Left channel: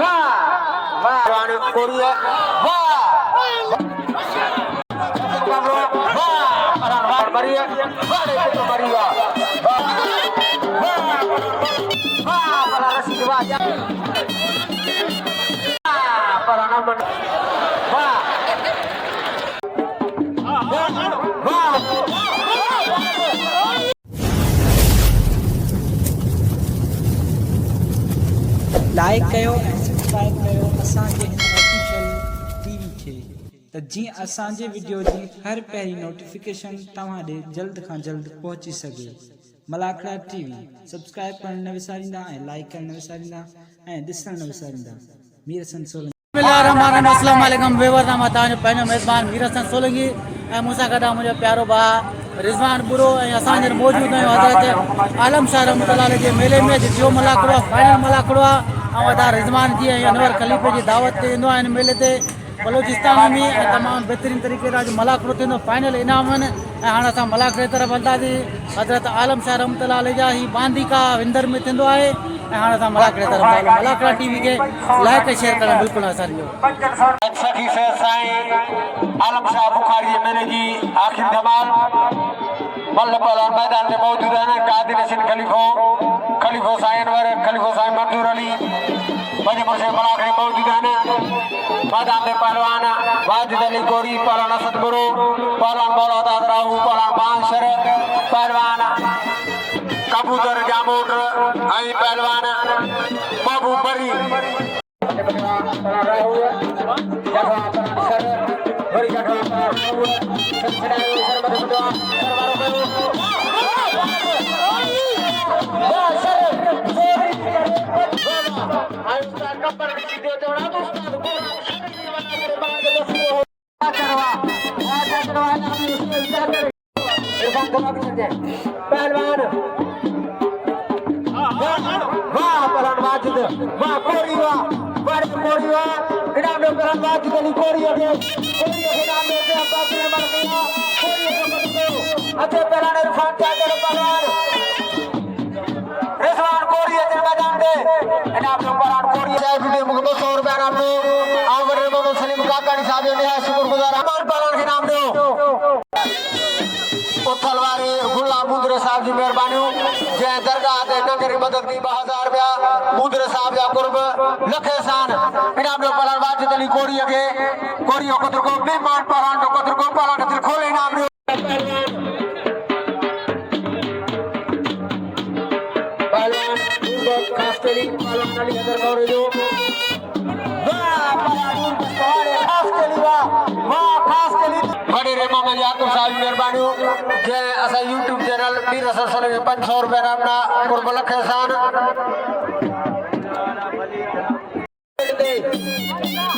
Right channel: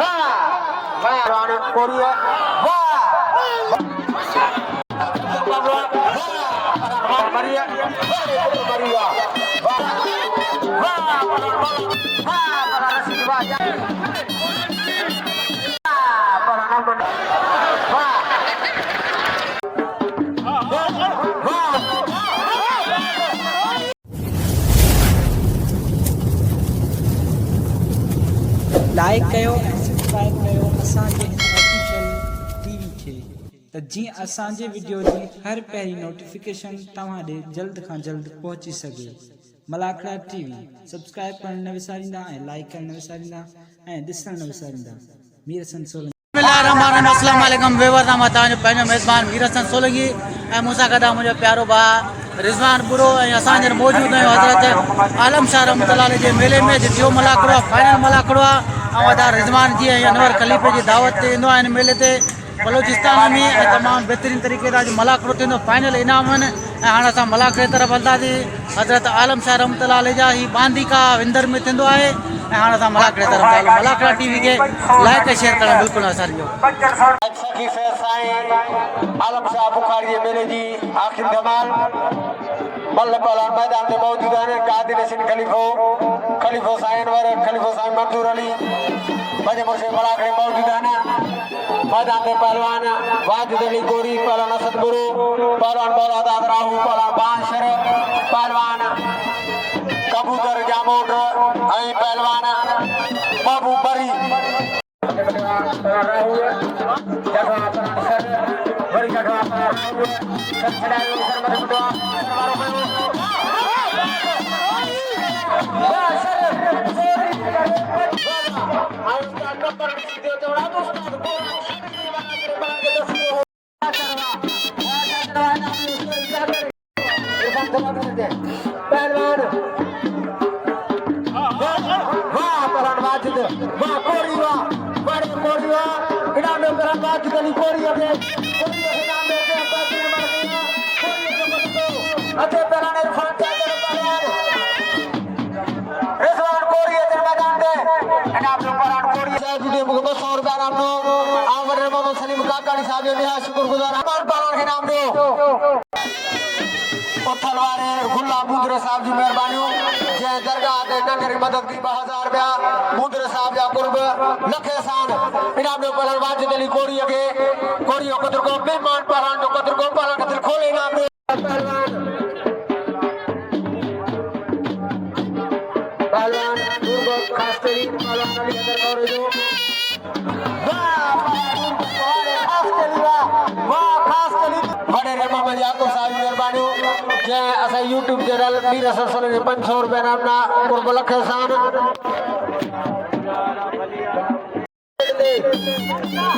वाह वाह रानी कोरिया वाह वाह मरिया मरिया वाह para Rashid Wajah para Naman wah wah like कयो ऐं सब्सक्राइब कयो असांजे हिन ऑफिशियल टीवी खे त जीअं असांजे वीडियो जी हर पहिरीं नोटिफिकेशन तव्हां ॾे जल्द खां जल्द पहुची सघे। मलाखड़ा टीवी सब्सक्राइब करण न विसारींदा ऐं लाइक करण न विसारींदा ऐं ॾिसण न विसारींदा। मीर हसन सोलंकी बिस्मिल्लाहिर्रहमानिर्रहीम अस्सलाम वालेकुम वेवर नाम तव्हांजो पंहिंजो मेज़बान मीर हसन सोलंकी ऐं मूंसां गॾु आहे मुंहिंजो प्यारो भाउ रिज़वान बुरो ऐं असां हींअर मौजूदु आहियूं हज़रत आलम शाह रहमतुल्लाह जे मेले में जो मलाखड़ो आहे फाइनल मलाखड़ो आहे ऐं अदा रिज़वान जी ऐं अनवर खलीफ़े जी दावत ते ईंदो आहे हिन मेले ते बलोचिस्तान में ऐं तमामु बहितरीन तरीक़े सां मलाखड़ो थींदो फाइनल इनाम आहिनि ऐं हाणे असां मलाखड़े तरफ़ हलंदासीं। हज़रत आलम शाह रहमतुल्लाह जा ही बांदीका विंदर में थींदो आहे ऐं हाणे असां मलाखड़े तरफ़ था हलूं। मलाखड़ा टीवी खे लाइक ऐं शेयर करणु बिल्कुलु असांजो सखी से साईं आलम शाह बुखारी जे मेले जी आखिरी धमाल मल्ल पहलवान मैदान में मौजूद हैं। कादिर हसन खलीफो साईं अनवर खलीफो साईं मंजूर अली बजपुर से मलाखड़े मौजूद हैं। मैदान में पहलवान वाजिद अली गोरी पहलवान असद गुरु पहलवान मौलाना राहू पहलवान बांसर पहलवान कबूतर जामोट ऐं पहलवान बाबू बरी पहलवान वाह पहलवान वाजिद वाह कोरी वाह बड़े कोरी वाह इनाम में पहलवान वाजिद अली कोरी के इनाम में से बाकी मर गया कोरी के मतलब अच्छे पहलवान इरफान कादर पहलवान रिजवान कोरी के मैदान में इनाम में पहलवान कोरी साहब वीडियो में 200 रुपए इनाम दो आवर मोहम्मद सलीम काकानी साहब ने शुक्रगुजार पहलवान के नाम दो तलवारे गुल्ला मुंदरे साहब की मेहरबानी जय दरगाह के नगर की मदद की 2000 रुपया मुंदरे साहब या कुर्ब लखे सान इनाम में पहलवान वाजिद अली कोरी के कोरी कतर को मेहमान पहलवान कतर को पहलवान के दिल खोले इनाम में पहलवान दुर्ग खास तेरी पहलवान अली हदर गौरी जो वाह पहलवान खास तेरी वाह खास तेरी बड़े रेमा में यादव साहब मेहरबानी जय असा यूट्यूब चैनल मीर हसन सोलंकी 500 रुपया नामना कुर्ब लखे सान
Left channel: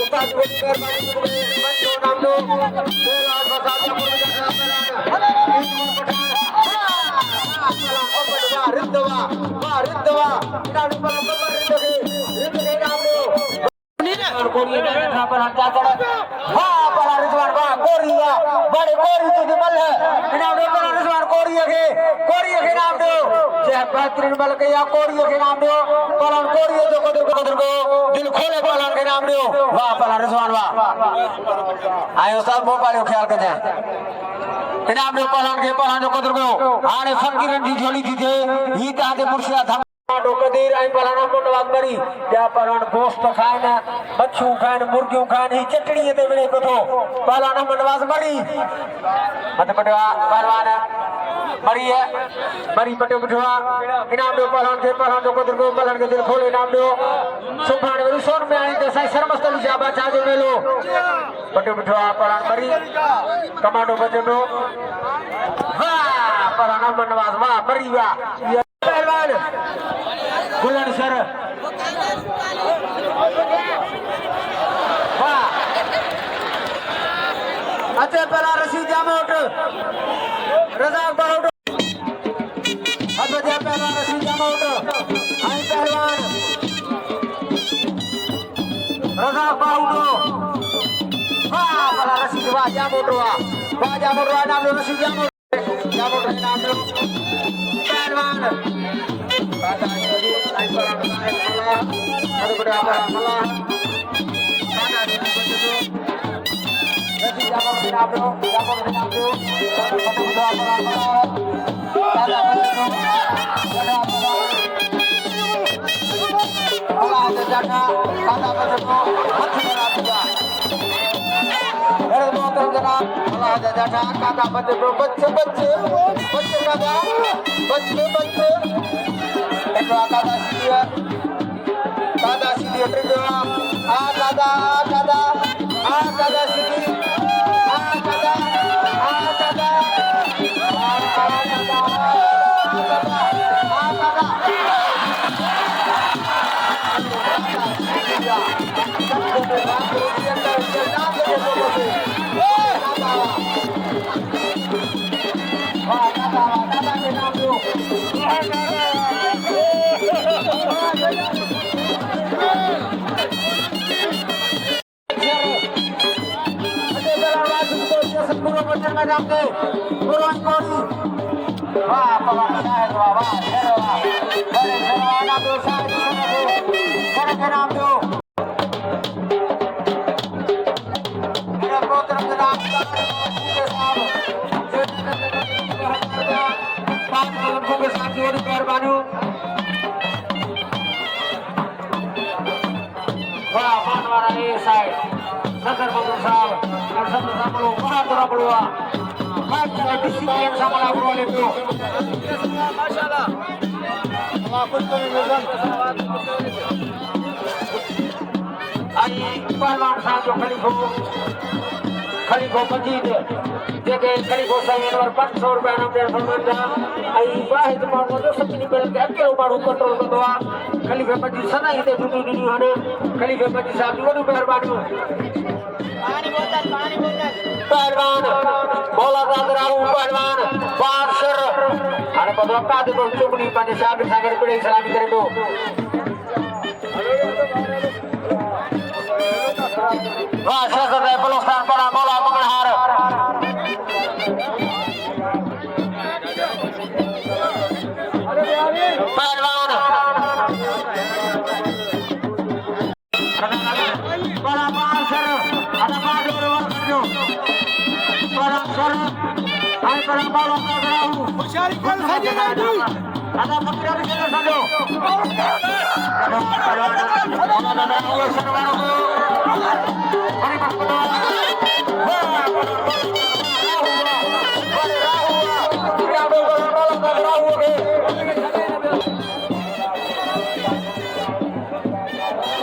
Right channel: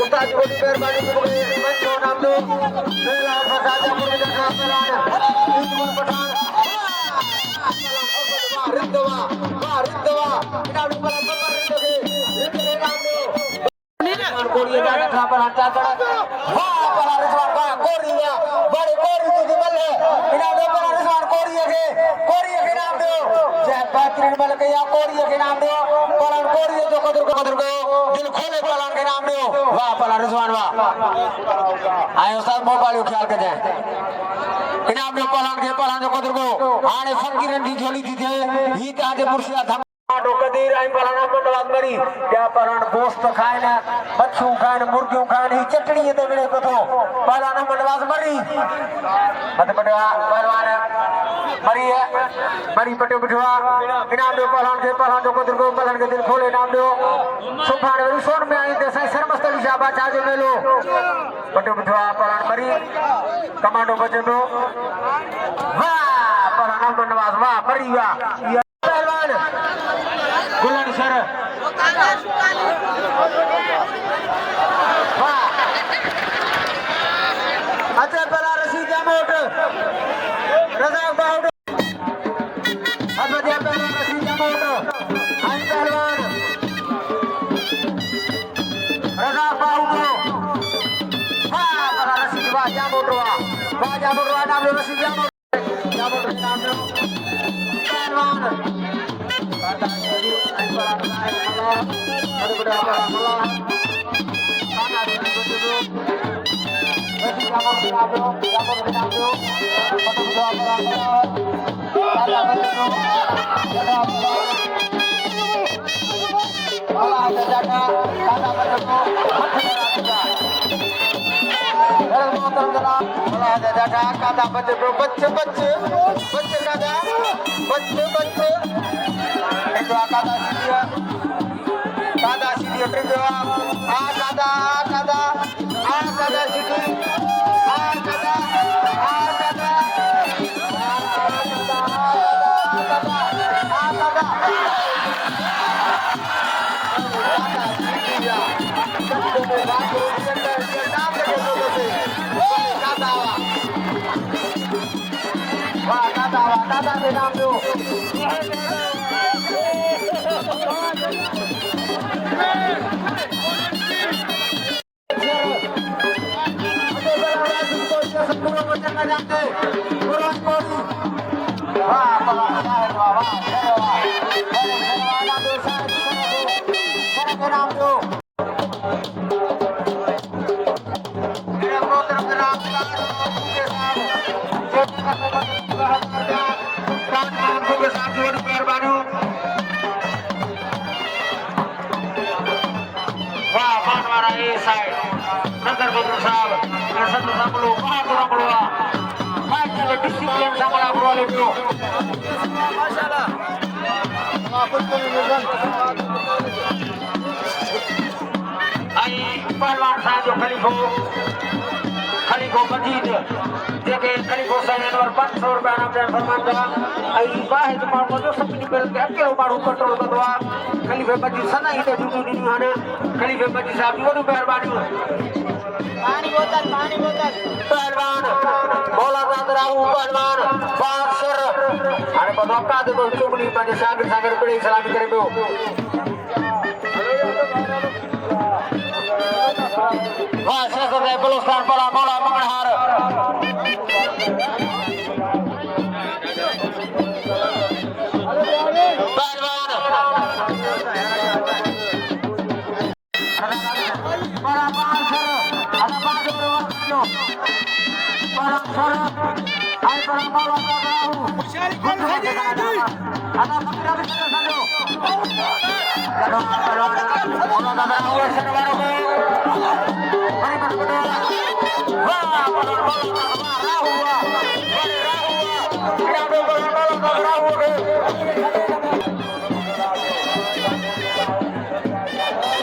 उस्ताद को मेहरबानी को नाम दो बेला फसादा यूट्यूब पठान वाह रिंदवा इनाम पर रिंद के नाम दो कोरिया जाके था पर हटा कर वाह पर रिजवान वाह कोरिया बड़े कोरी तो मल है इनाम दो पर रिजवान कोरिया के नाम दो जय बेहतरीन मल के या कोरिया के नाम दो पर कोरिया जो कदर को दिल खोले पहलवान के नाम दो वाह पर रिजवान वाह आयो सब मोबाइल ख्याल के जाए इनाम दो पहलवान जो कदर को हाने फकीरन दी झोली थी थे ही ताते मुर्शिदा कदीर आई पहलवान मंडवाद मरी क्या पहलवान गोश्त खाए ना मच्छू खान मुर्गियों खान ही चटनी दे मिले को तो पहलवान मंडवाद मरी मत पटवा पहलवान मरी है मरी पटे बिठवा इनाम दो पहलवान जो कदर को पहलवान के दिल खोले इनाम दो सुभान रिसोन में आई दसाई सरमस्तली जाबा चाजे मेलो पटे बिठवा पहलवान मरी कमांडो बजनो वाह पहलवान मंडवाद वाह मरी वाह पहलवान गुलान सर वाह अच्छे पहला रशीद जामोट रजाक बाहुट अब जय पहला रशीद जामोट आई पहलवान रजाक बाहुट वाह पहला रशीद वाह जामोट नाम रशीद जामोट नाम पहलवान Ada berapa salah? Mana di situ? Masih jamur Ronaldo. Ada berapa salah? Ada betul. Ada apa? Bola ada jaga. Ada betul. Dari motor gelap. Bola ada jaga. Ada betul. Bece. Kada. Bece. Itu akan dia. Kada sini berdua. Kada sini. Khalifa Majid देखे खलीफो side और 500 रुपया number फरमांदा आई वाहिद मानो जो सब निकल के अकेलो मारो कंट्रोल कर दो खलीफे मजी सदा ही ते टूटी नहीं हारे खलीफे मजी साहब वो मेहरबानी पानी बोतल पहलवान बोला राहू पहलवान बादशाह अरे बाबा का दो चुमनी पानी सागर बड़े सलामी करे दो वाह शेखर ने बलोस्तान पड़ा बोला मंगलहार पहलवान बोला बादशाह ada baru जो बोला शरफ आई पर बोला राहू शारी कल हजे नहीं ada पकड़ के समझो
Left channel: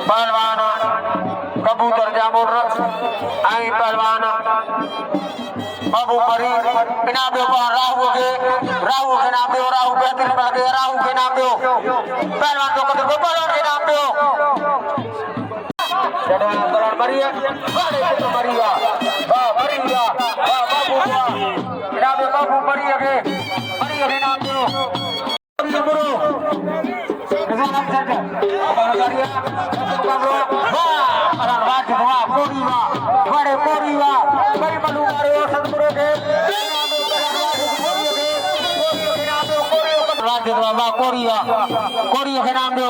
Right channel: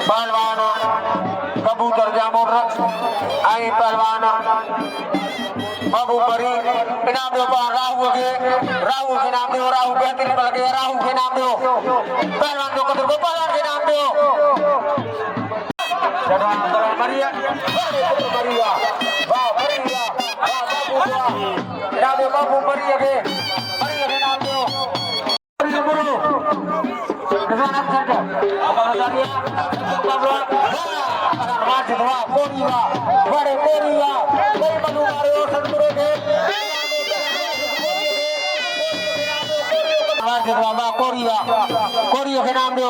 पहलवान कबूतर जामुन आई पहलवान बाबू परी इनाम दो राहू के नाम दो राहू बेहतर बल गया राहू के नाम दो पहलवान को पहलवान के नाम दो बढ़िया बाबू बढ़िया के नाम दो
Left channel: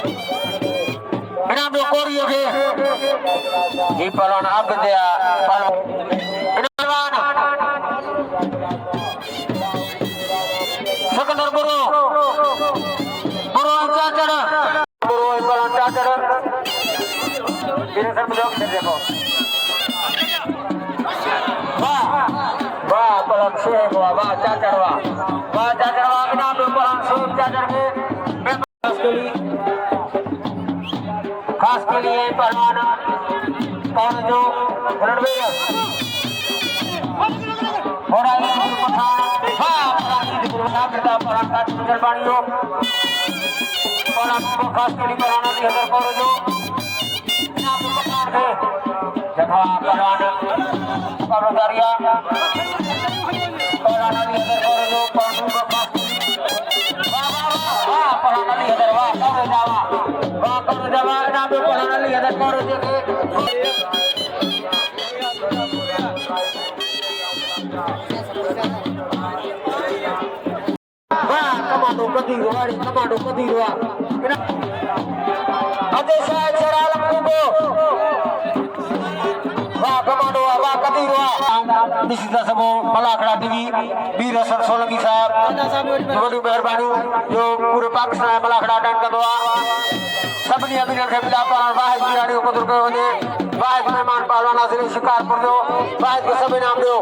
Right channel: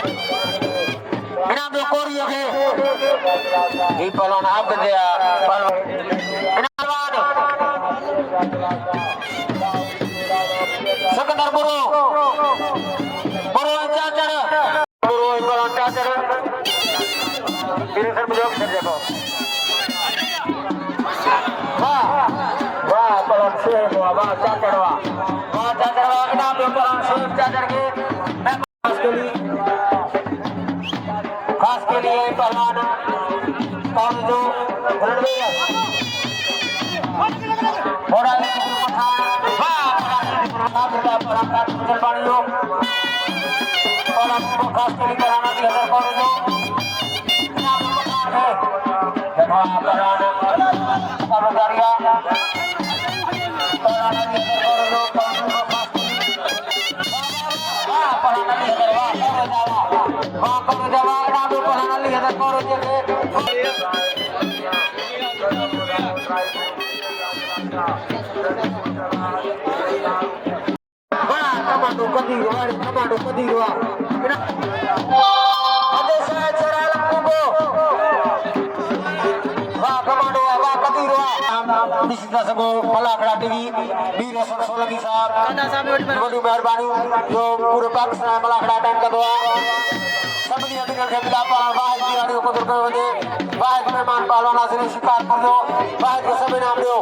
कोरिया के नाम दो कोरिया के ये पहलवान अब गया पहलवान सिकंदर बुरो चाचर मेरे सर में लोग देखो वाह पहलवान से वाह चाचर के नाम दो पहलवान से चाचर के खास के लिए पहलवान कौन जो रणवीर और आई पहलवान का जलवाणियों पहलवान को खास के लिए पहलवान की हजर करो जो नाम पहलवान है देखो पहलवान पहलवानिया पहलवान की हजर करो जो पहलवान को खास पहलवान की हजर वाह करो जावा नाम पहलवान की हजर करो जो कमांडो कदी हुआ अजय शाह चराल कुबो वाह कमांडो वाह कदीरवा निश्चित सबो भला खड़ा टीवी वीर हसन सोलंकी साहब बड़ी मेहरबानी जो पूरे पाकिस्तान में भला खड़ा अटेंड कर दो सबनी अभिनंदन के बिला पालन वाहिद खिलाड़ियों को दुर्गे वजे वाहिद मेहमान पालवा नाज़रीन शिकारपुर दो वाहिद को सभी नाम दो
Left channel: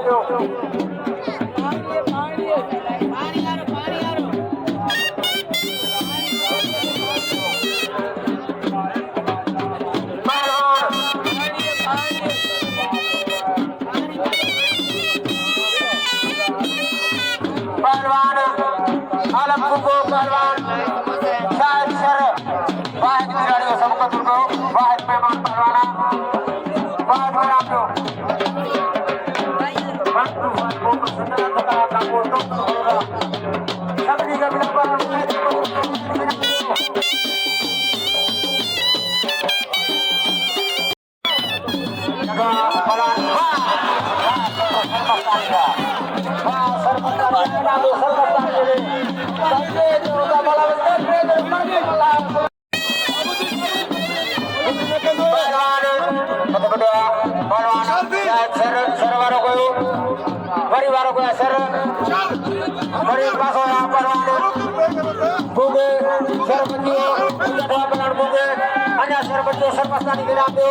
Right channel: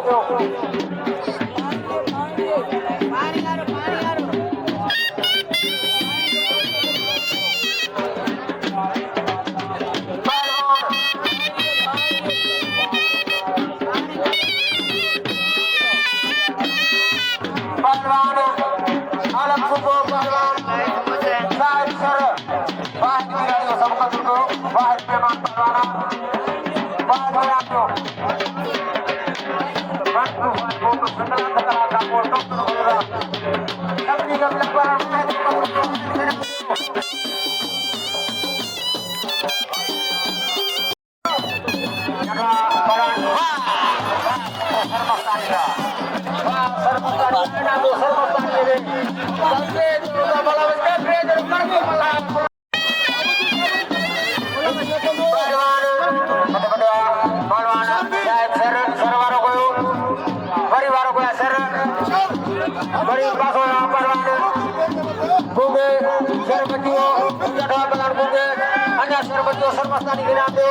सरपंच के नाम दो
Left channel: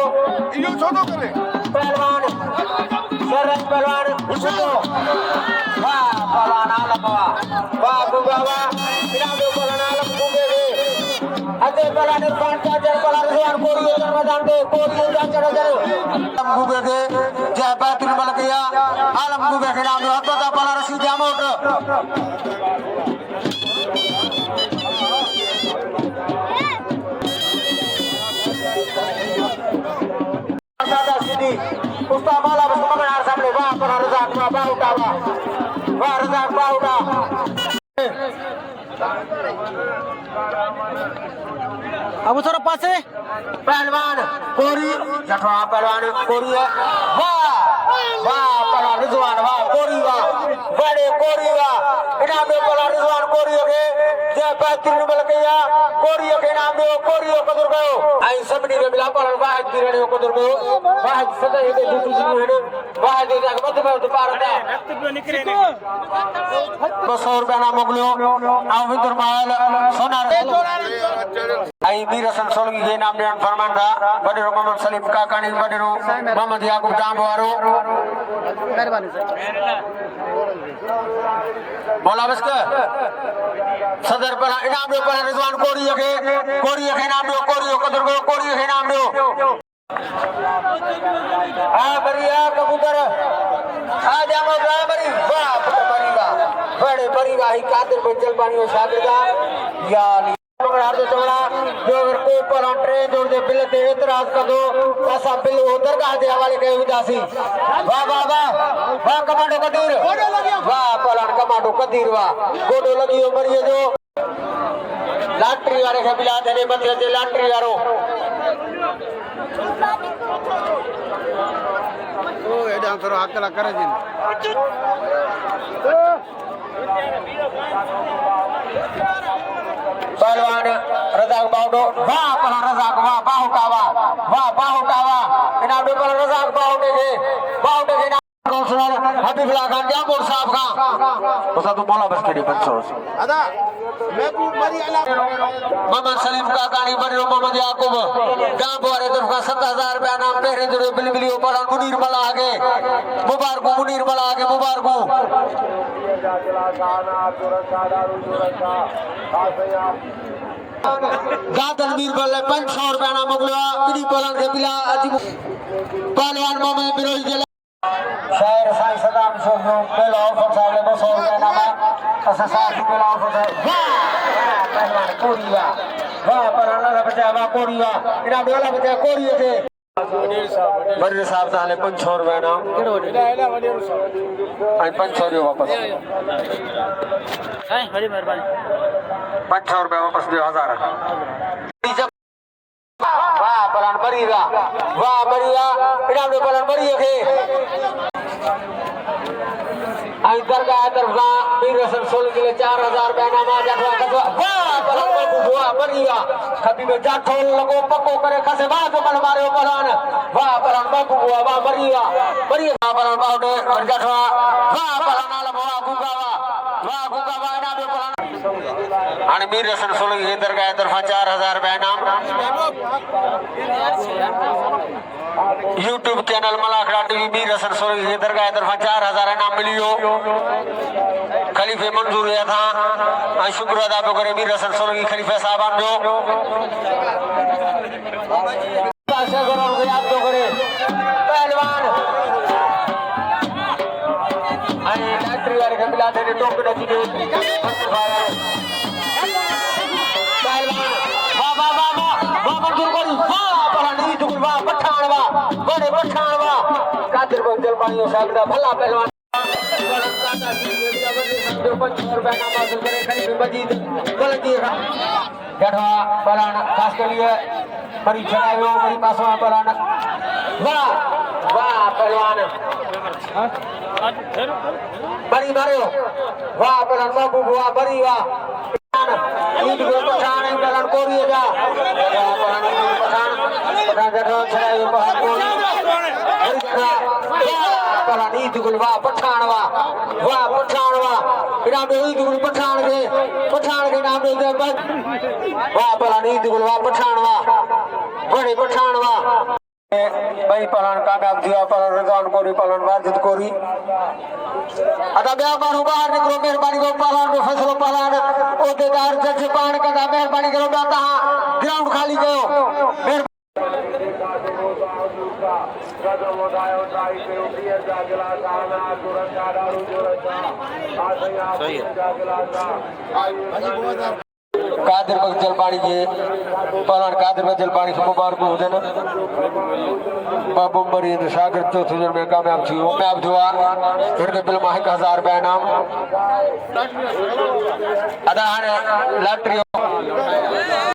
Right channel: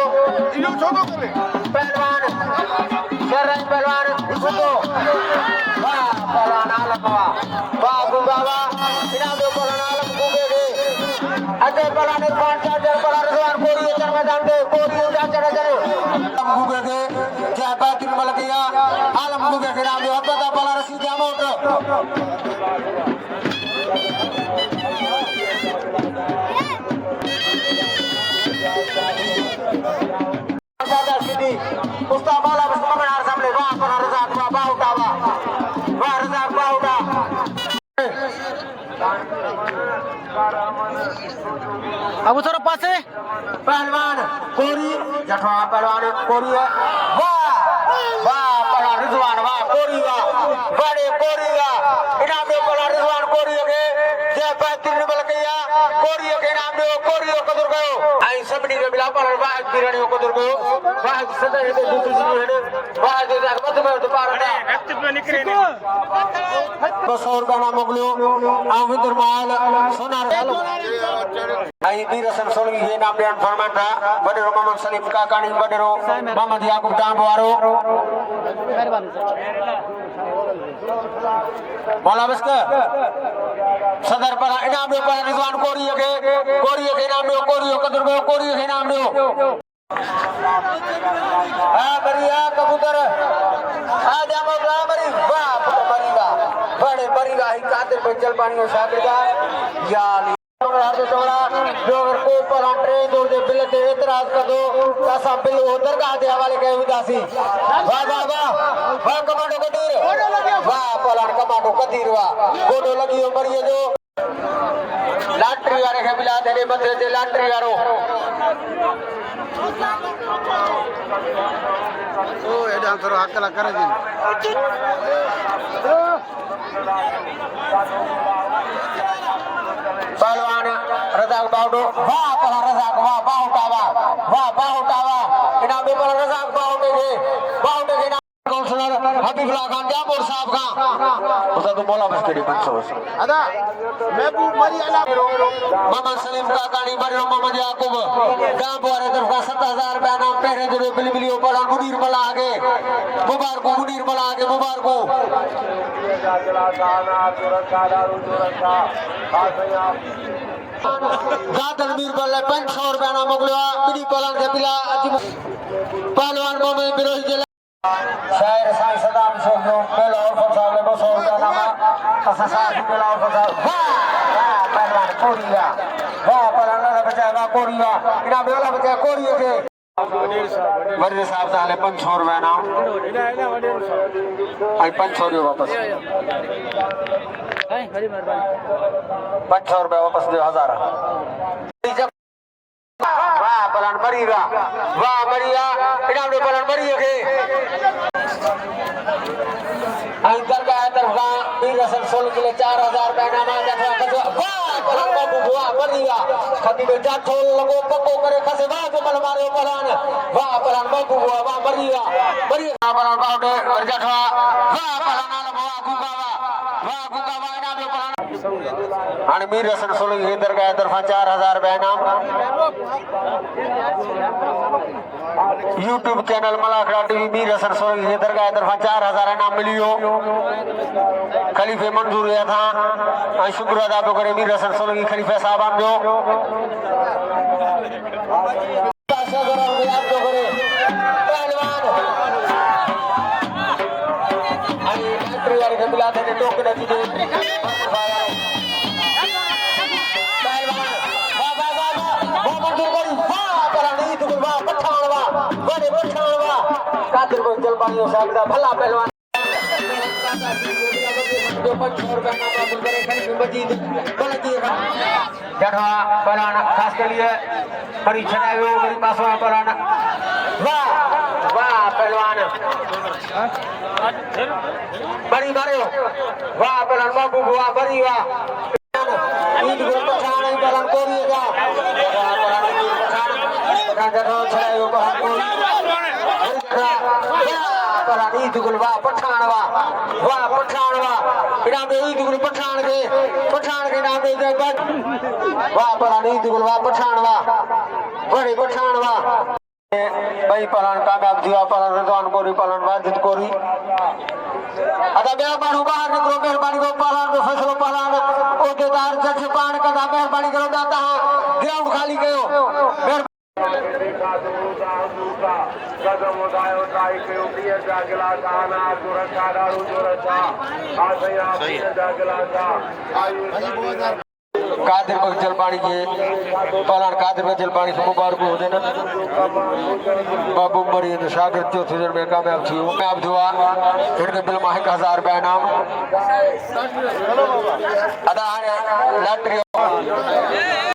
पहलवान शरण पहलवान इसको वाह पहलवान आलम वाह गुबावा इनाम दो पहलवान आलम गुबे अजय पहलवान इरफान चाचा पहलवान रिजवान कोरियो चर मैदान पे कोरियो चाचा चले गुबे के जय बैतुल मलकिया आलम गुबे के नाम दो अब्बा पहलवान Rashid अमोट Ustaz bola bersama benar sampai wah pernah rezak wah bau tawa wah rezak bau dah Abu थोड़ा पास है पहलवान कोरी जठवा पहलवान कोरी है वाह वाह पहलवान रिजवान वाह कोरी वाह बड़े कोरी वाह इनाम दो पहलवान रिजवान कोरी के जय बैतुल मलकिया कोरी के नाम दो कोरी को दुर्गो आई सबनी के बिला पहलवान वाह किरणियों को दुर्गो वाह सदा ये दूसरी चीज है वाह दे जाके मत में तो पार था बसौर बना मोगलो आविंदर माल सोनार हेलो आई वीर हसन सोलंकी के नाम देन फरमान था बडेरो मोहम्मद सलीम काकानी बडेरो मोहम्मद याकूब दामवारो मेहरबानी सर मौला बस्कर सदर पर इनाम दो पर रिजवान कोरी के नाम दो कोरी को दुर्गो कोरी के नाम दो आ बढ़िया कबूतर आ जामो बड़ी वाह बड़ीगा बड़े बड़ीगा ही कादिर बंजल पानी और शागिर का या हार्दे चौड़ा जो को पलान ट्रेन जोड़ दे बिल ते एतराज कर दो ऐसा बिल उधर का दे हवाले के उदासी वाह वाह वाह वाह कमांडो कदीर वाह पलान कमांडो कदीर वाह गोडो लगी है मरिए जो लाटरी वाले के बिला दे बंदे दे लाटरी वालो ओ एडा करो अकला कर दिन पहलवान रजाक बाउडो वाह पहलवान रजाक वाह बाहुटावा इनाम दो पहलवान रजाक बाउडो के नाम काउंसलर हबीबुल्लाह खान जामोर साहब का उसा तो बोला बस केडी पंचो अदा महबूब मरी अला मोहम्मद सलीम का गाड़ी बरियो मोहम्मद याकूब गांव बोरे तरफ का 7000 रुपया नाम पहरे जो बिलबिलियो पड़ा मुनीर मला आगे मुबारक मुनीर मला आगे मुबारक गादल वीर बल्ले 500 रुपया नाम मोगलवा बिडी पलान के बिला अजी पहलवान मोहम्मद बिरोही जिला शायर साईं सदाम शोभो मेला और साहब ने 200 रुपया नामा ऐसा साथी मेला और साहब पहलवान कोरिया वाह पहलवान बचा वाह कोरिया इना वाला बचा कोरिया के वडील साहब ताले 500 रुपया नाम आई 500 रुपया वापस हां बड़ी मेहरबानी 500 रुपया वापस दे 1000 वाह पहलवान बढ़िया इना पहलवान बढ़िया के आई दरगाह तरफा वीर हसन सोल के लिए 4000 बैनामा जठवा कटवा वाह पहलवान बाबू बुआ बनिया कभी में जाठो लगो पको करे खसे बाजू कल मारे पहलवान वाह पहलवान बाबू बुआ वाह बनिया पहलवान बाबू ने जठवा वाह पहलवान आला बुआ गुगावा वाह गुगावा ना में पहलवान आणि वीर हसन सोल के दरगाह तरफा 4000 बैनाम YouTube चैनल मलाखड़ा टीवी वीर हसन सोल के दरगाह तरफा 4000 इनाम मिलियो खलीफे मंजूर हुआ था और शुक्र अदा करे वीर हसन सोल की खलीफे साहबान जो पहलवान आणि गायत्री वाले कपिला ने टोकन की दे पहलवान वाह वाह वाह वाह मंजूर करी वाह परानी जुगल वाह पठानवा बड़े पठानवा कादिर को जल पानी साहब दा भला पहलवान जो 500 रुपए का मासूल करे खरीद मजीद गलती है गढ़वा पहलवान खास के लिए बड़ी छनावे हो बड़ी पासवा पहलवान वाह वाह पहलवान बड़ी मारे वाह पहलवान बाबू वाह बड़ी वाह ईद को पठान पहलवान कोरी जा पहलवान पठान गढ़वा छनावे पहलवान कोरी पहलवान ईद को वाह पठान वाह पठान इनाम ईद को पठान के नाम दे वाह पहलवान ईद को वाह पठान बड़े पठान भाई पहलवान काका दिया पहलवान रजान कोरी पहलवान वाजिद कोरी अदा मेहरबान बाहर निकलो मेहरबानी करो पहलवान को फैसलो पहलवान ओदेदार जज पान का मेहरबानी करो दाता ग्राउंड खाली करो कादिर को जल पानी के पहलवान कादिर को जल पानी मुबारक हो देना बाबू मरीद शागिर चौथे जन में कामयाब थी कामयाब हुआ इनके दिल में 1000 रुपए इनाम अदा है लॉटरी